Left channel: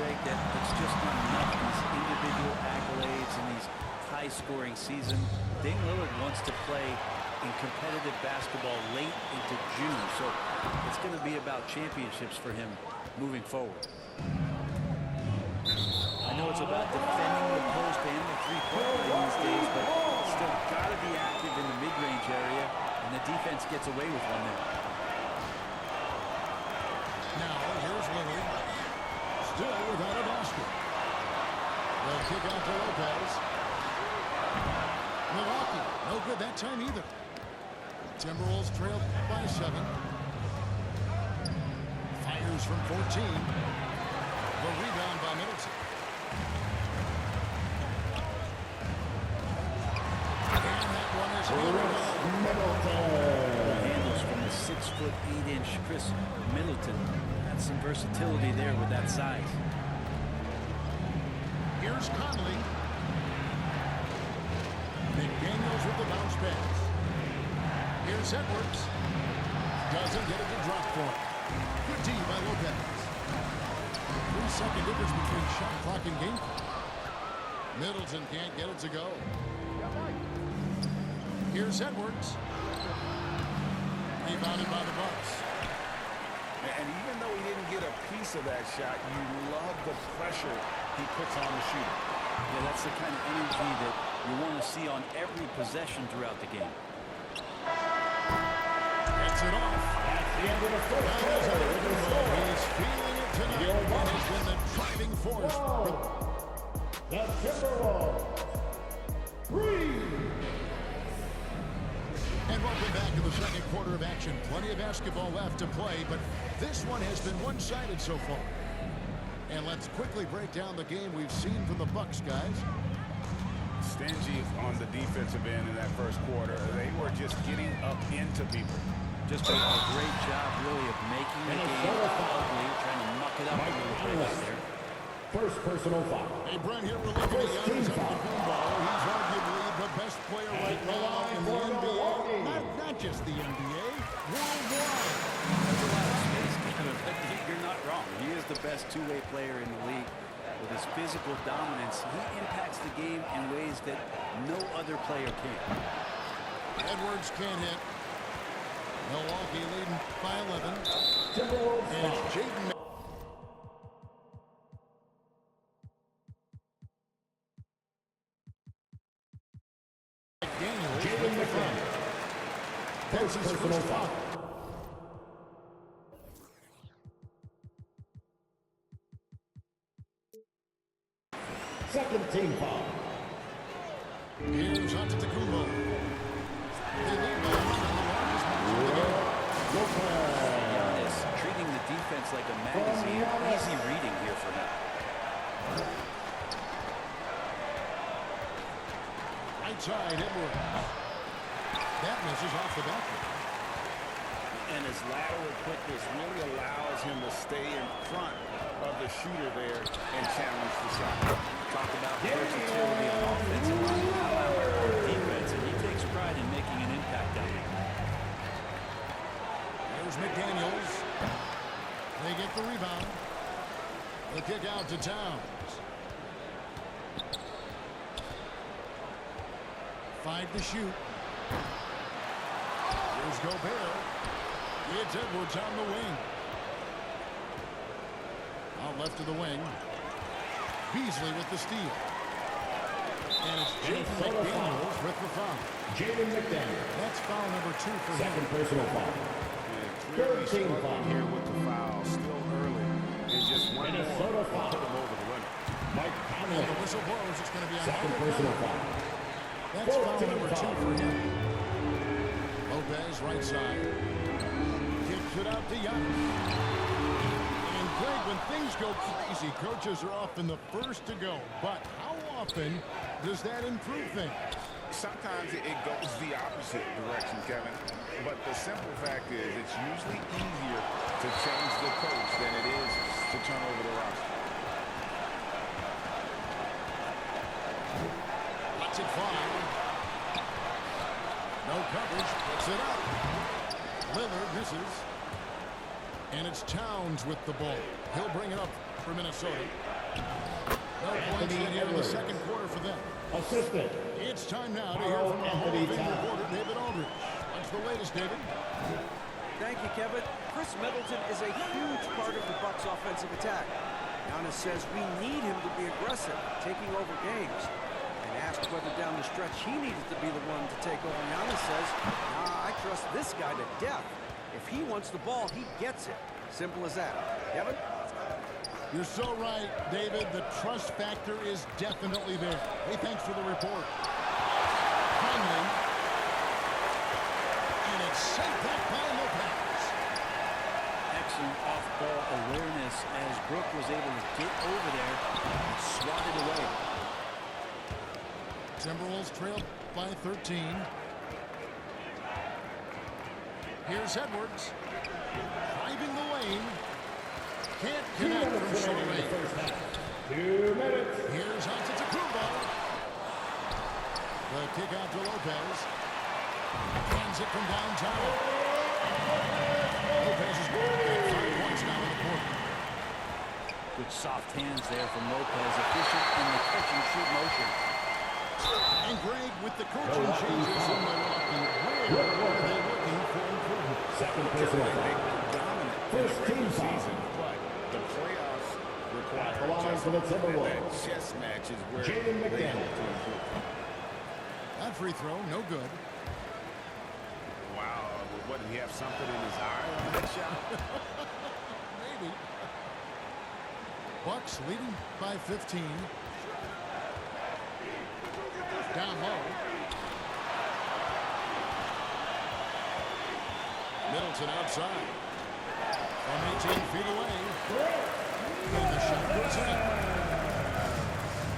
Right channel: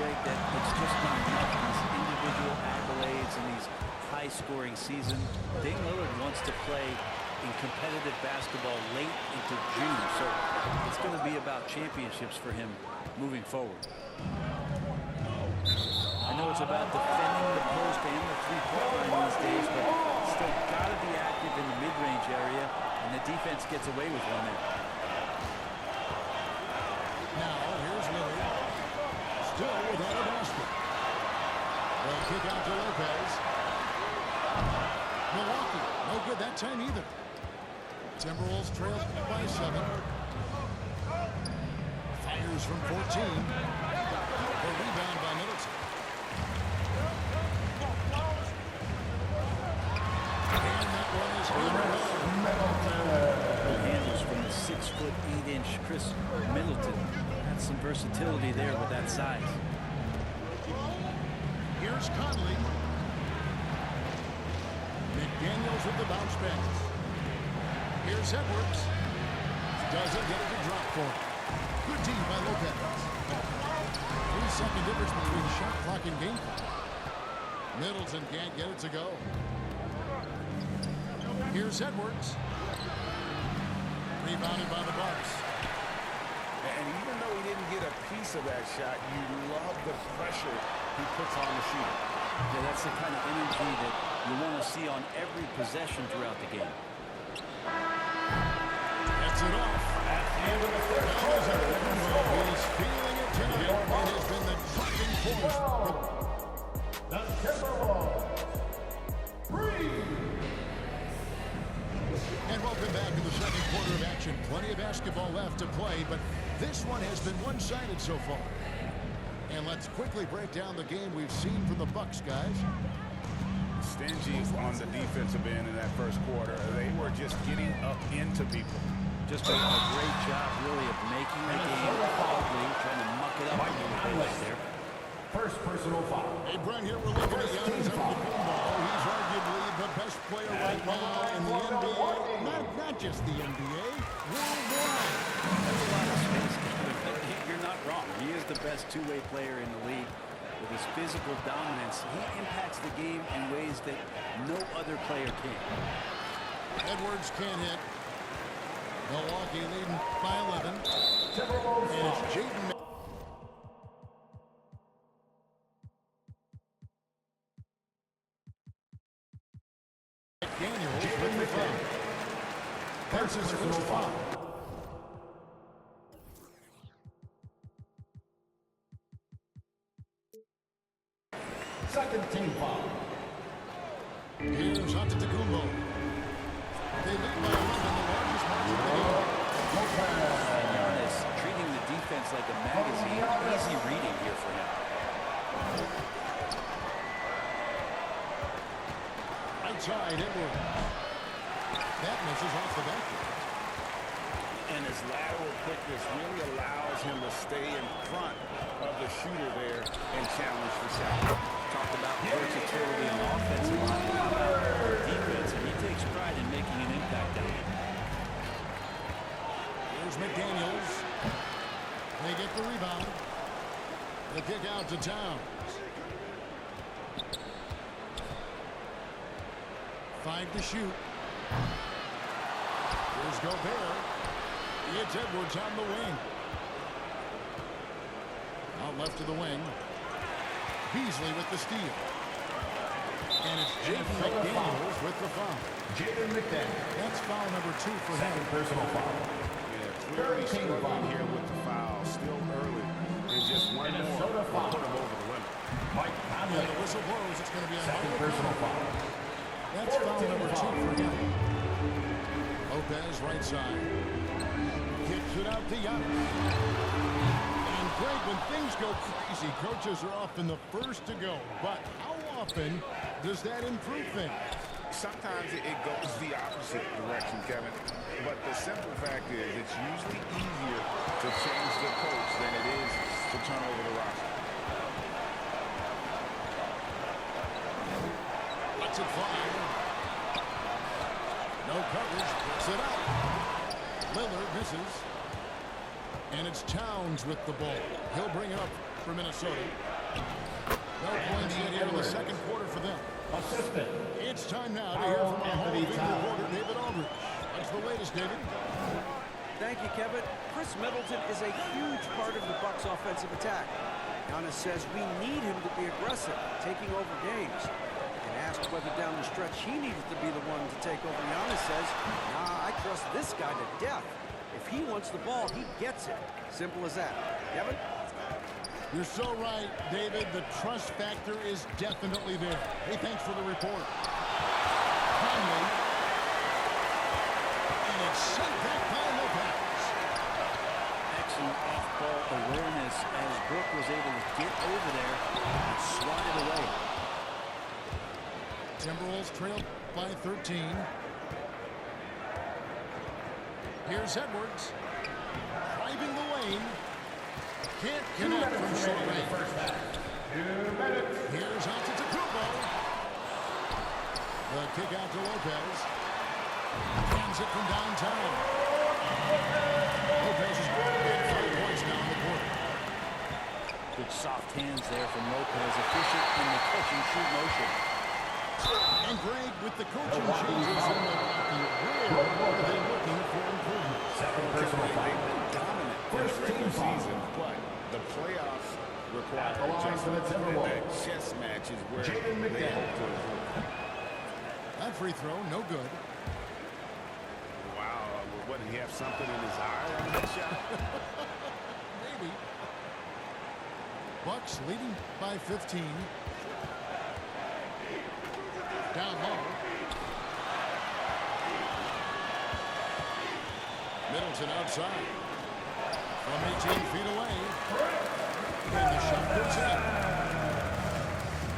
Greg, that it's just not enough, these individual accolades and these high-scoring season. Dame Lillard wants to play in competitive basketball late into June, so it's going to be about championships for him moving forward. I know it's about defending the post and the three-point line these days, but still got to be active in the mid-range area, and the defense gets away with one there. Now, here's Lillard. Still without a basket. The kick out to Lopez. Milwaukee, no good that time either. Timberwolves trail by 7. Fires from 14. The rebound by Middleton. And that one is hammered home. Good handles from the 6'8" Chris Middleton. Had some versatility there with that size. Here's Conley. McDaniels with the bounce pass. Here's Edwards. Doesn't get it to drop for him. Good D by Lopez. 3-second difference between shot clock and game clock. Middleton can't get it to go. Here's Edwards. Rebounded by the Bucks. And even though he didn't get a piece of that shot, you love the pressure he puts on the shooter. Yeah, that's the kind of energy that you want to see on every possession throughout the game. Gets it off. That's the end of the first quarter. He's feeling it tonight and has been the driving force. The Timberwolves. 3. And welcome back to the second quarter of action. Plenty of basketball left to play, but this one has been one-sided so far. And let's quickly break down the game we've seen from the Bucks, guys. Stingy on the defensive end in that first quarter. They were just getting up into people. Just a great job, really, of making the game ugly, trying to muck it up a little bit out there. First personal foul. Hey, Brent, here we're looking at Giannis Antetokounmpo. He's arguably the best player right now in the NBA. Not just the NBA, worldwide. That's a lot of space, Kevin, but you're not wrong. He is the best two-way player in the league. With his physical dominance, he impacts the game in ways that no other player can. Edwards can't hit. Milwaukee leading by 11. And it's Jaden. McDaniels with the foul. That's his first foul. Second team foul. Here's Antetokounmpo. They lead by 11, the largest margin of the game. And Giannis treating the defense like a magazine. Easy reading here for him. Right side, Edwards. That misses off the backboard. And his lateral quickness really allows him to stay in front of the shooter there and challenge the shot. Talked about versatility on offense a lot, but how about on defense? And he takes pride in making an impact down there. Here's McDaniels. They get the rebound. The kick out to Towns. 5 to shoot. Here's Gobert. It's Edwards on the wing. Out left to the wing. Beasley with the steal. And it's Jaden McDaniels with the foul. Jaden McDaniels. That's foul number 2 for Second him. personal foul. Yeah, clearly struggling here with the foul. Still early. And just one more will put him over the limit. Mike And Conley. the whistle blows. It's going to be on Second Michael personal Conley. foul. That's foul 14 number 2 foul. for him. Lopez right side. Kicks it out to Giannis. And Greg, when things go crazy, coaches are often the first to go. But how often does that improve things? Sometimes it goes the opposite direction, Kevin. But the simple fact is it's usually easier to change the coach than it is to turn over the roster. Lets it fly. No coverage. Puts it up. Lillard misses. And it's Towns with the ball. He'll bring it up for Minnesota. No points yet here in the second quarter for them. Assistant. It's time now to hear from our Hall of Anthony Fame Town. reporter, David Aldridge. What's the latest, David? Thank you, Kevin. Chris Middleton is a huge part of the Bucks' offensive attack. Giannis says we need him to be aggressive, taking over games. And asked whether down the stretch he needed to be the one to take over, Giannis says, nah, I trust this guy to death. If he wants the ball, he gets it. Simple as that. Kevin? You're so right, David. The trust factor is definitely there. Hey, thanks for the report. Conley. And it's sent back by Lopez. Excellent off-ball awareness as Brook was able to get over there and swat it away. Timberwolves trail by 13. Here's Edwards. Driving the lane. Can't 2 connect minutes from short remaining in the range. first half. 2 minutes. Here's Antetokounmpo. The kick out to Lopez. Hands it from downtown. Lopez has got 5 points now in the quarter. Good soft hands there from Lopez, efficient in the catch-and-shoot motion. And Greg, with the coaching Milwaukee changes foul. in Milwaukee, where are they looking for improvement? Second They've personal foul. been dominant in First the regular team foul. season, but the playoffs require At the line for the adjustment. And Timberwolves. that chess match is where Jaden they McDaniel. hope to improve. That free throw, no good. Wow, what, did he have something in his eye on that shot? Maybe. Bucks leading by 15. Down low. Middleton outside. From 18 feet away. And the shot goes in.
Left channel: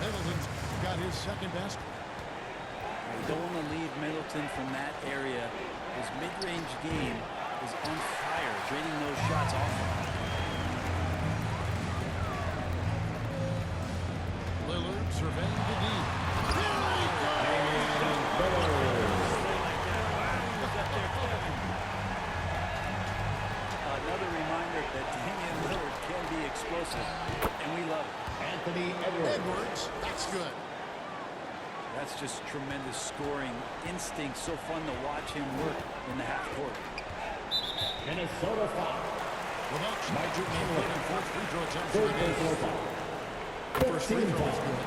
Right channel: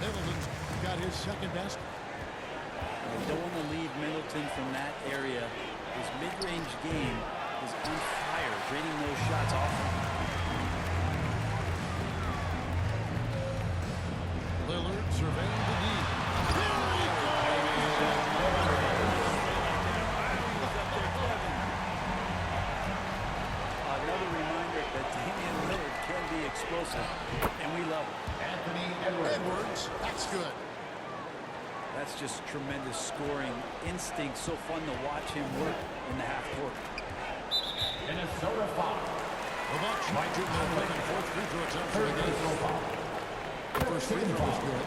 Middleton's got his second best. You don't want to leave Middleton from that area. His mid-range game is on fire, draining those shots often. Lillard surveying the D. There he goes! Another reminder that Damian Lillard can be explosive, and we love it. Anthony Edwards. Edwards, that's good. That's just tremendous scoring instinct. So fun to watch him work in the half court. Minnesota foul. The Bucks might shoot their third and fourth free throw attempts for Third the game. personal foul. The first free throw is good.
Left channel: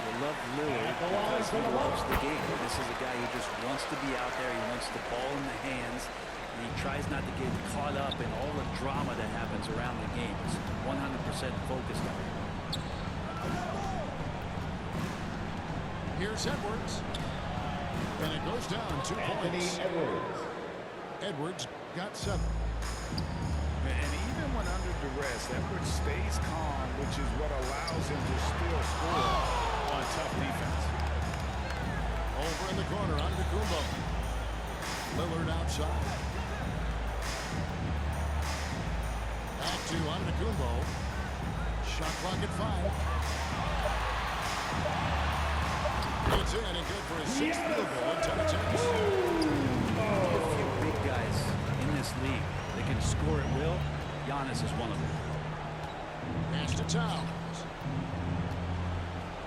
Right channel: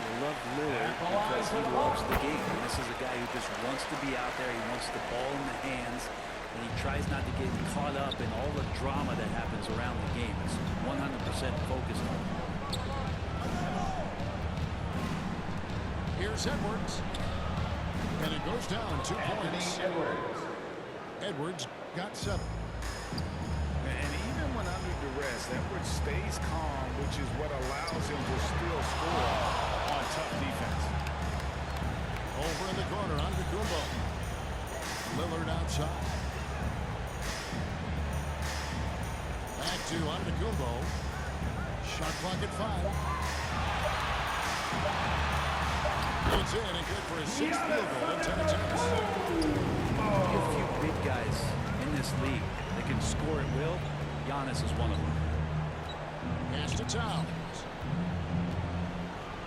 You love Lillard because he loves the game. And this is a guy who just wants to be out there. He wants the ball in the hands, and he tries not to get caught up in all the drama that happens around the game. It's 100% focused on it. Here's Edwards. And it goes down 2 Anthony points. Edwards. Edwards got 7. And even when under duress, Edwards stays calm, which is what allows him to still score on tough defense. Over in the corner, Antetokounmpo. Lillard outside. Back to Antetokounmpo. Shot clock at 5. It's in and good for his 6th field goal in 10 attempts. Only a few big guys in this league that can score at will. Giannis is one of them. Pass to Towns.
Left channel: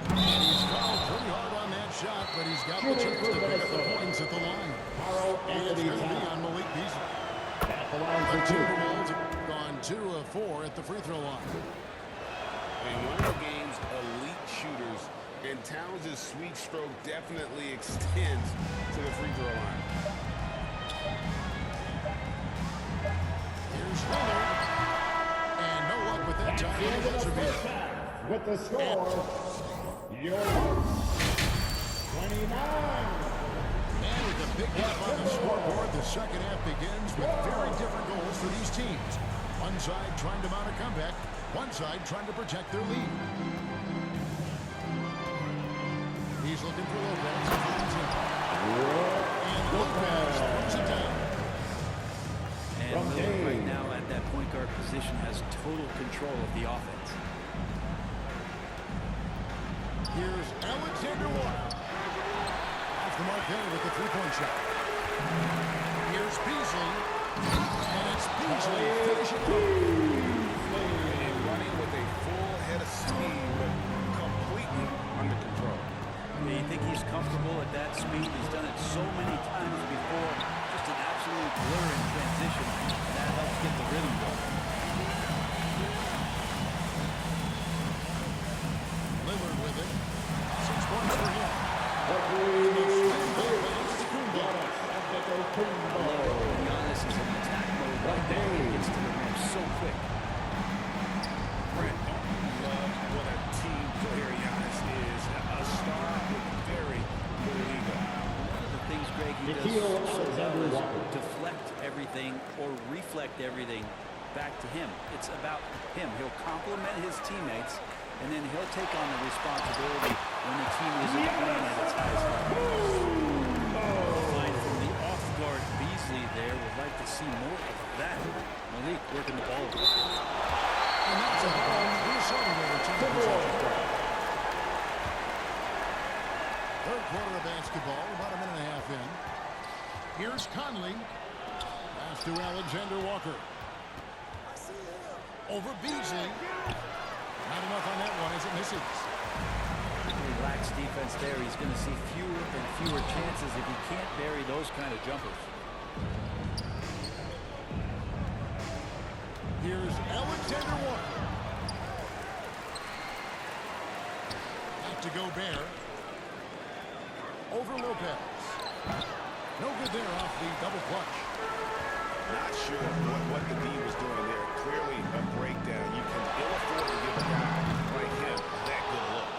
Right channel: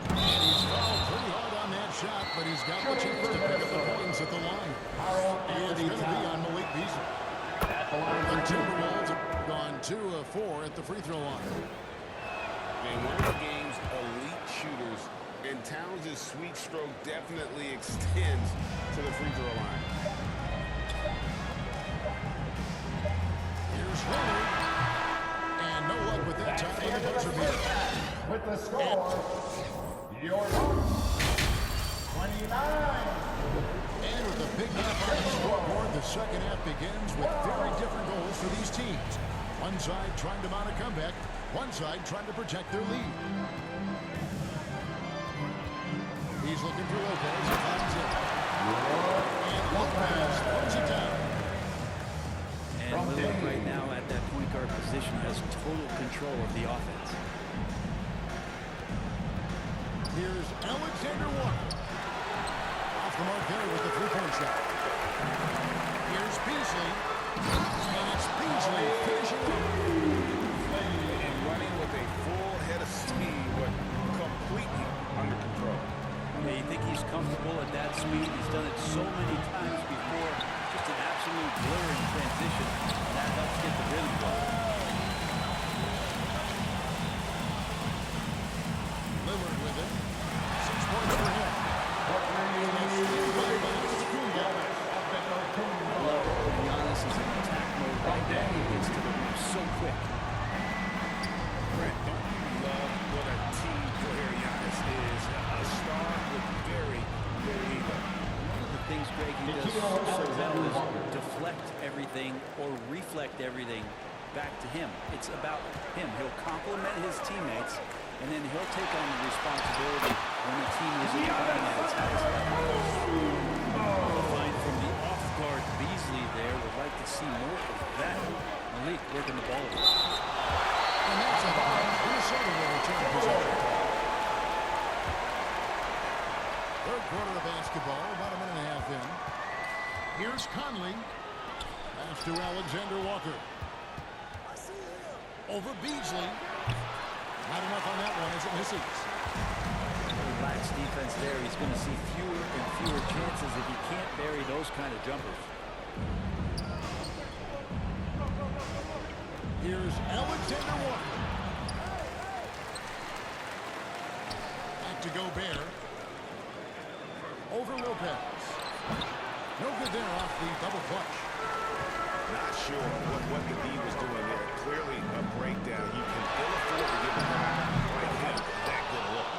And he's fouled pretty hard on that shot, but he's got the chance to pick up the points at the line. Carl It's Anthony going to be Towns. on Malik Beasley. At the line The for 2. Timberwolves have gone 2 of 4 at the free throw line. And one of the game's elite shooters, and Towns' sweet stroke definitely extends to the free throw line. Here's Lillard. And no luck with that time on the buzzer beater. With the score, your Bucks, 29. And with a big gap on the scoreboard, the second half begins with very different goals for these teams. One side trying to mount a comeback, one side trying to protect their lead. He's looking for Lopez. He finds him. And Lopez throws it down. And From Lillard Dame. right now at that point guard position has total control of the offense. Here's Alexander Walker. Off the mark there with the three-point shot. Here's Beasley. And it's Beasley finishing it off. and running with a full head of steam, but completely under control. Yeah, you think he's comfortable at that speed? He's done it so many times before. Just an absolute blur in transition, and that helps get the rhythm going. Lillard with it. 6 points for him. The three. And the stand by Antetokounmpo. I love it when Giannis is in attack mode right now. He gets to the rim so quick. Brent, don't you love what a team player Giannis is? A star with very little ego. One of the things, Greg, he does so well is deflect everything or reflect everything back to him. It's about him. He'll compliment his teammates, and then he'll take on the responsibility when the team isn't playing at its highest level. The find from the off-guard Beasley there. Would like to see more of that. Malik working the ball. And that's out of bounds. Minnesota will return possession. Third quarter of basketball, about a minute and a half in. Here's Conley. Pass to Alexander Walker. Over Beasley. Not enough on that one as it misses. He lacks defense there. He's going to see fewer and fewer chances if he can't bury those kind of jumpers. Here's Alexander Walker. Back to Gobert. Over Lopez. No good there off the double clutch. Not sure what the D was doing there. Clearly a breakdown. You can ill afford to give a guy like him that good a look.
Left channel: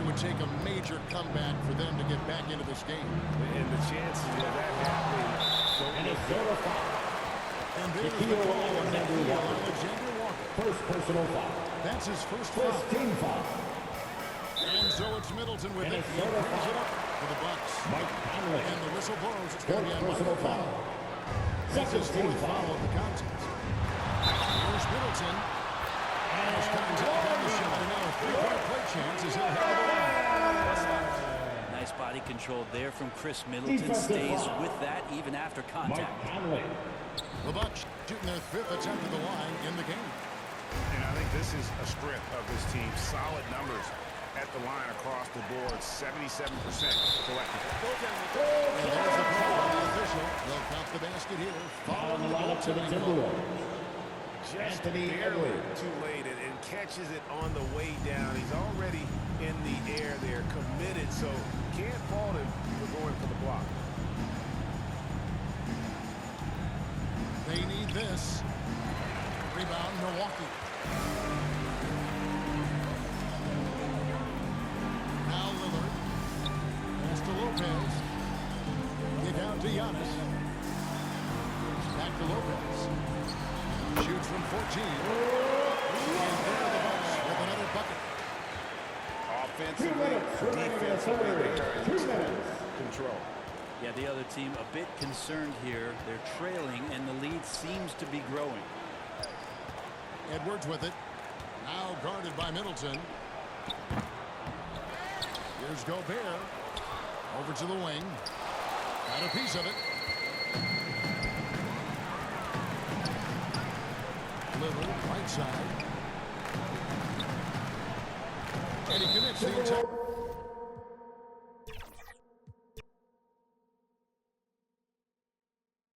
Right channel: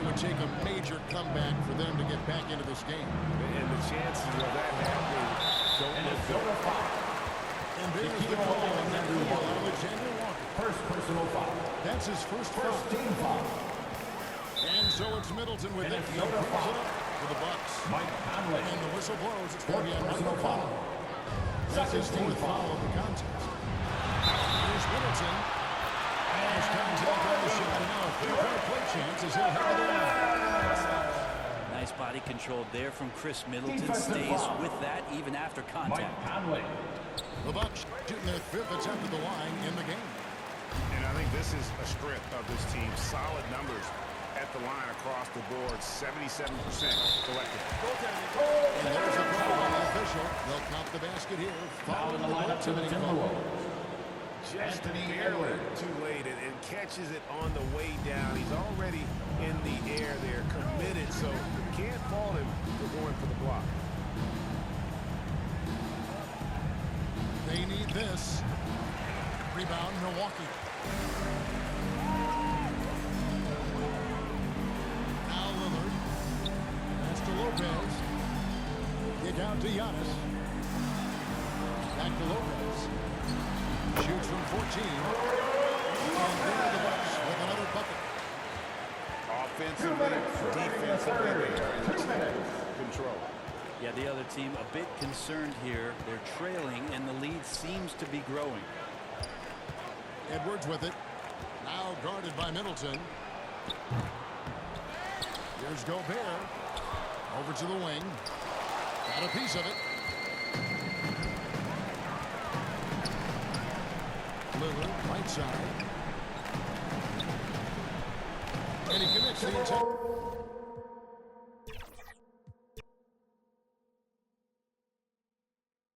It would take a major comeback for them to get back into this game. And the chances of that happening don't look good. Minnesota foul. And there's the call on Alexander Walker. First personal foul. That's his first foul. First team foul. And so it's Middleton with it. He Minnesota brings foul. it up for the Bucks. Mike Conley. And the whistle blows. It's going to be on Personal Michael foul. Conley. That's his Second team fourth foul of the contest. Here's Middleton. There's contact on the shot. And now a three-point play chance as he'll head to the line. Nice body control there from Chris Middleton. Defensive Stays foul. with that even after Mike contact. Conley. The Bucks shooting their fifth attempt at the line in the game. And I think this is a strength of this team. Solid numbers at the line across the board. 77% collectively. And there's the call by the official. They'll count the basket here. Foul in Following the the lineup to the goaltending call. Timberwolves. Just Anthony barely Edwards. too late and catches it on the way down. He's already in the air there, committed, so can't fault him for going for the block. They need this. Rebound, Milwaukee. Now Lillard. Pass to Lopez. Kick out to Giannis. Back to Lopez. Shoots from 14. And there the Bucks with another bucket. Offensively, defensively, they are in total control. Yeah, the other team a bit concerned here. They're trailing, and the lead seems to be growing. Edwards with it. Now guarded by Middleton. Here's Gobert. Over to the wing. Got a piece of it. Lillard, right side. And he commits the attack.